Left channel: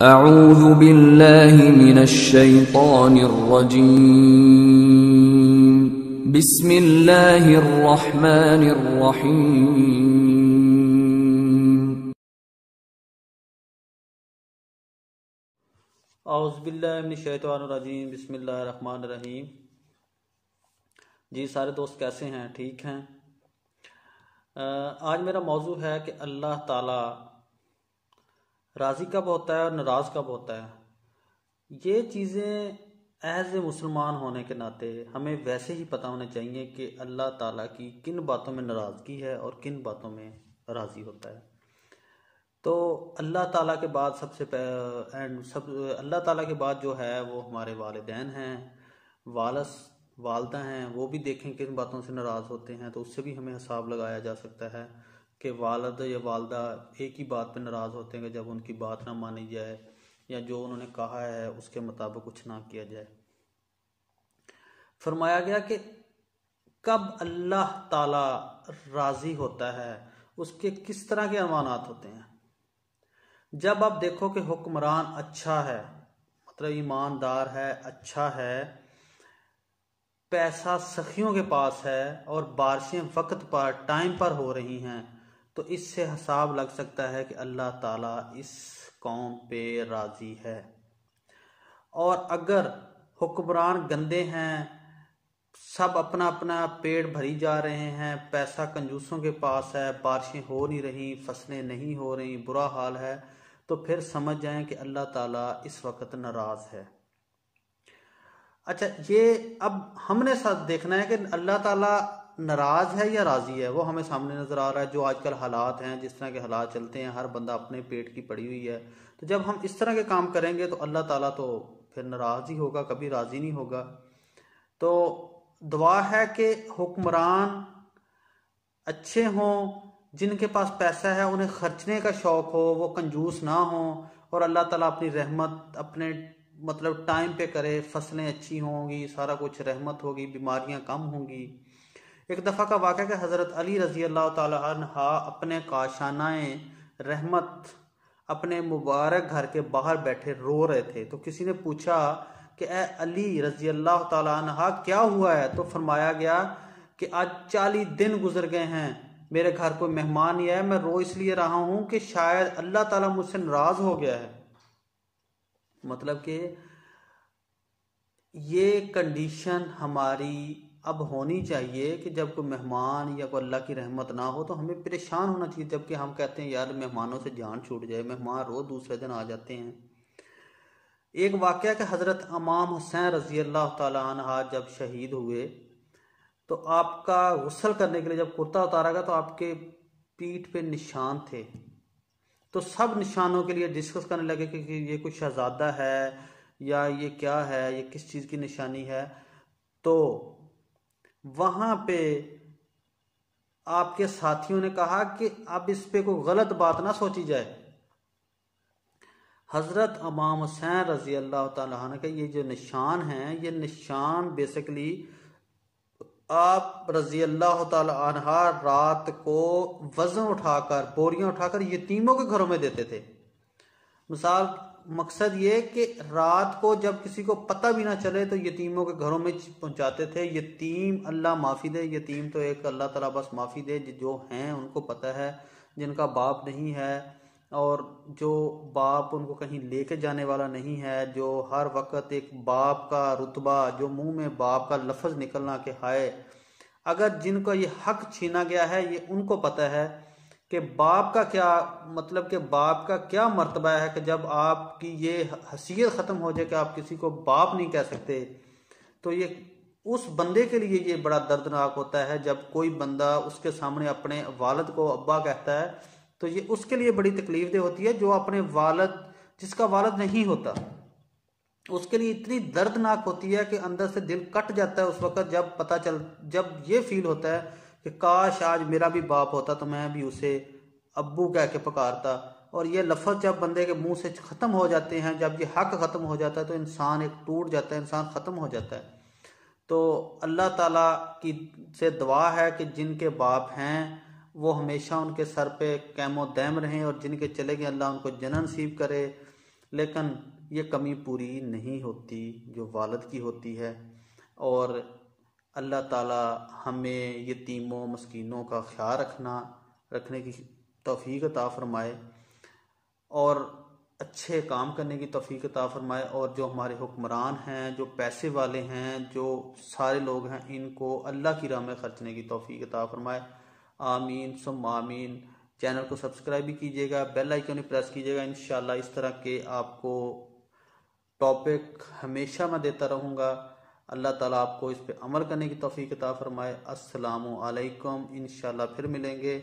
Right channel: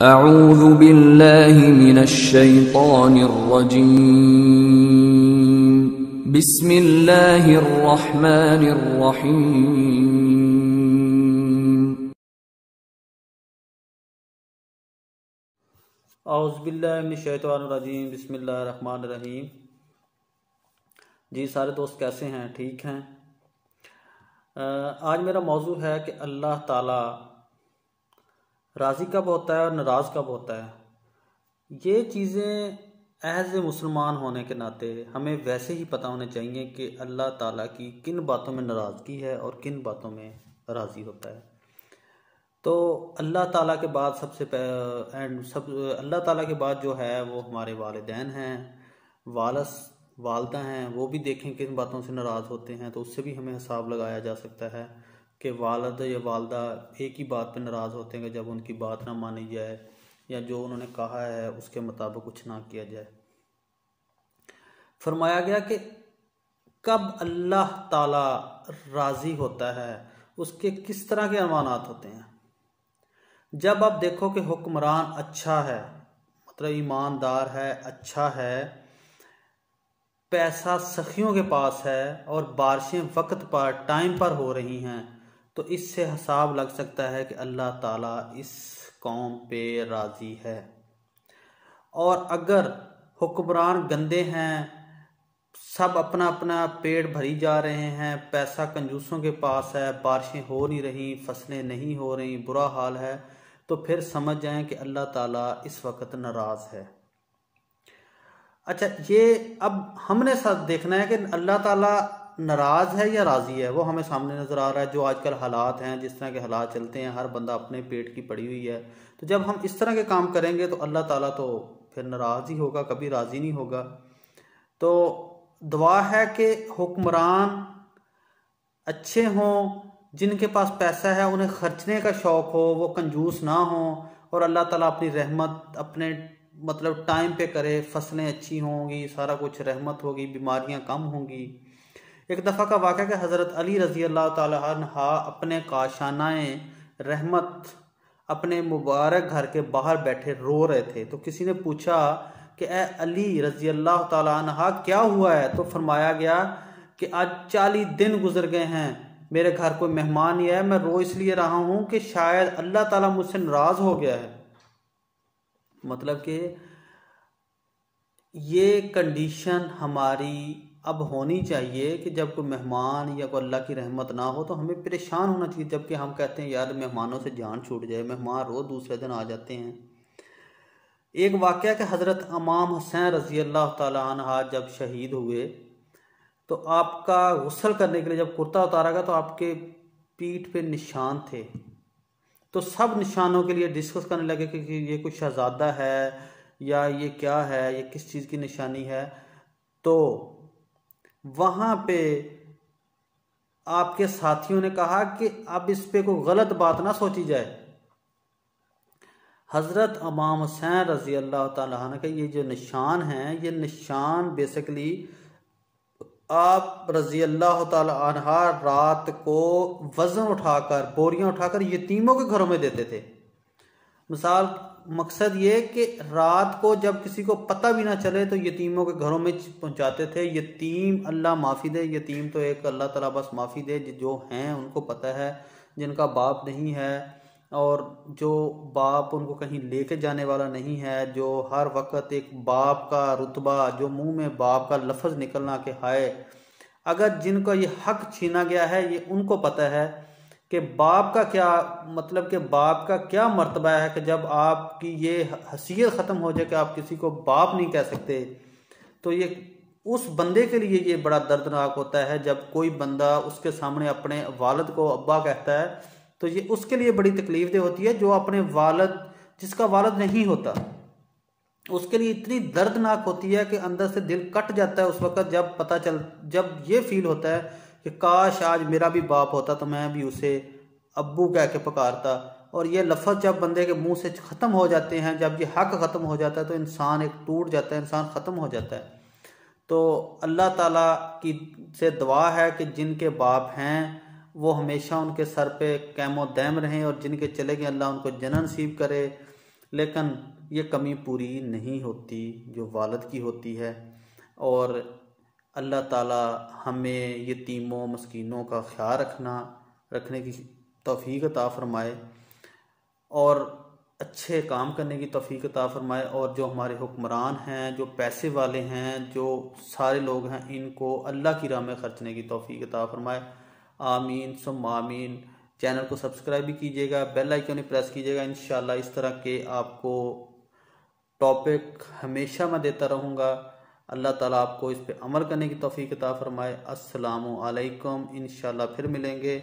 अऊज़ु बिल्लाहि मिनश्शैतानिर्रजीम। बिस्मिल्लाहिर्रहमानिर्रहीम। औज़ु बिल्लाहि मिनश्शैतानिर्रजीम। बिस्मिल्लाहिर्रहमानिर्रहीम। जी सारे दोस्त कैसे हैं? ठीक हैं। आज मेरा मौजू है कि अल्लाह ताला राज़ी कब होता है और नाराज़ कब होता है। ये चीज़ें एज ए मुसलमान होने के नाते हमें वैसे ही पता होने चाहिए कि अल्लाह ताला की किन बातों में नाराज़गी है और किन बातों में राज़ी होता है। तो अल्लाह ताला के बाद अल्लाह ताला के बाद जो है वो हमारे वालिदैन हैं, वालदा हैं। वो भी देखें किन बातों से नाराज़ होते हैं, तो उससे भी हमें हिसाब लगाया जा सकता है कि वालिद या वालदा एक ही बात पे नाराज़ होते हैं जब उनकी बात ना मानी जाए या जो उन्होंने कहा है उसके मुताबिक कुछ ना किया जाए। फरमाया गया कि कब अल्लाह ताला राज़ी होता है, उसके किस तरह के अनवानात होते हैं। जब आप देखो कि हुक्मरान अच्छा है, मतलब ईमानदार है, अच्छा है, पैसा सखियों के पास है और बारिशें वक्त पर टाइम पर हो रही हैं, तो इससे हिसाब लग सकता है कि अल्लाह ताला इस कौम पे राज़ी है। और अगर हुक्मरान गंदे हैं, सब अपना अपना पेट भरी जा रहे हैं, पैसा कंजूसों के पास है, बारिशें हो नहीं रही, फसलें नहीं हो रही, बुरा हाल है, तो फिर समझ जाएं कि अल्लाह ताला इस वक्त नाराज़ है। अच्छा, ये अब हमने साथ देखना है कि अल्लाह ताला नाराज है या राजी है। वो हमें सामने नजर आ रहा है। जो आजकल हालात हैं, जिस तरह के हालात चलते हैं, हर बंदा अपने पेट की पड़ी हुई है। तो जब हम इस तरह के काम करेंगे तो अल्लाह ताला तो फिर नाराज ही होगा, कभी राजी नहीं होगा। तो दुआ है कि हुक्मरान अच्छे हों, जिनके पास पैसा है उन्हें खर्चने का शौक हो, वो कंजूस ना हो और अल्लाह ताला अपनी रहमत अपने मतलब टाइम पे करे, फसलें अच्छी होंगी, सारा कुछ रहमत होगी, बीमारियां कम होंगी। एक दफ़ा का वाक़या कि हज़रत अली रज़ी अल्लाह ताला अन्हा अपने काशानाए रहमत अपने मुबारक घर के बाहर बैठे रो रहे थे। तो किसी ने पूछा कि ए अली रज़ी अल्लाह ताला अन्हा क्या हुआ है। तो फरमाया गया कि आज 40 दिन गुजर गए हैं, मेरे घर कोई मेहमान नहीं आया, मैं रो इसलिए रहा हूं कि शायद अल्लाह ताला मुझसे नाराज हो गया है। मतलब कि ये कंडीशन हमारी अब होनी चाहिए कि जब कोई मेहमान या कोई अल्लाह की रहमत ना हो तो हमें परेशान होना चाहिए। जबकि हम कहते हैं यार मेहमानों से जान छूट जाए, मेहमान रोज दूसरे दिन आ जाते हैं। एक वाकया कि हजरत इमाम हुसैन रजी अल्लाह ताला अन्हा जब शहीद हुए तो आपका गुस्ल करने के लिए जब कुर्ता उतारा गया तो आपके पीठ पे निशान थे। तो सब निशानों के लिए डिस्कस करने लगे कि ये कुछ शहजादा है या ये क्या है, ये किस चीज़ की निशानी है। तो वहां पे आपके साथियों ने कहा कि अब इस पे कोई गलत बात ना सोची जाए। हजरत इमाम हुसैन रजी अल्लाह ताला अन्हु के ये जो निशान हैं, ये निशान बेसिकली आप रजी अल्लाह ताला अन्हा रात को वजन उठाकर, बोरियां उठाकर यतीमों के घरों में देते थे। मिसाल मकसद ये कि रात को जब किसी को पता भी ना चले तो यतीमों के घरों में पहुंचाते थे। यतीम अल्लाह माफ़ी दे, यतीम तो एक अल्लाह ताला बस माफ़ी दे, जो हैं उनको पता है, जिनका बाप नहीं है और जो बाप उनको कहीं लेके जाने वाला नहीं है, जो हर वक्त एक बाप का रुतबा, जो मुंह में बाप का लफ्ज़ निकलना कि हाय, अगर जिनको ये हक छीना गया है ये उनको पता है कि बाप का क्या मतलब, कि बाप का क्या मर्तबा है कि जब आपकी ये हैसियत ख़त्म हो जाए कि आप किसी को बाप नहीं कह सकते। तो ये उस बंदे के लिए ये बड़ा दर्दनाक होता है जब कोई बंदा उसके सामने अपने वालिद को अब्बा कहता है। तो ये उसके लिए बड़ी तकलीफदेह होती है जो अपने वालिद, जिसका वालिद नहीं होता, उसके लिए इतनी दर्दनाक होती है कि अंदर से दिल कट जाता है उस वक्त जब ये फील होता है कि काश आज मेरा भी बाप होता तो मैं भी उसे अब्बू कह के पुकारता। और ये लफ्ज़ जब बंदे के मुंह से ख़त्म हो जाते हैं, जब ये हक ख़त्म हो जाता है तो इंसान एक टूट जाता है, इंसान ख़त्म हो जाता है। तो अल्लाह ताला की से दुआ है कि जिनके बाप हैं वो हमेशा उनके सर पे कैमो दैम रहें और जिनके चले गए अल्लाह उनको जन्नत नसीब करे। लेकिन ये कमी पूरी नहीं होती जो वालिद की होती है। और अल्लाह ताला हमें यतीमों मस्कीनों का ख्याल रखने की तौफीक अता फरमाए और अच्छे काम करने की तौफीक अता फरमाए। और जो हमारे हुक्मरान हैं, जो पैसे वाले हैं, जो सारे लोग हैं, इनको अल्लाह की राह में खर्चने की तौफीक अता फरमाए। आमीन सुम आमीन। चैनल को सब्सक्राइब भी कीजिएगा, बेल आइकन प्रेस कीजिएगा। इंशाल्लाह इस तरह के आपको टॉपिक हमेशा मैं देता रहूँगा। अल्लाह ताला आपको इस पे अमल करने की तौफीक अता फरमाए। अस्सलामु अलैकुम। इंशाल्लाह फिर मिलेंगे।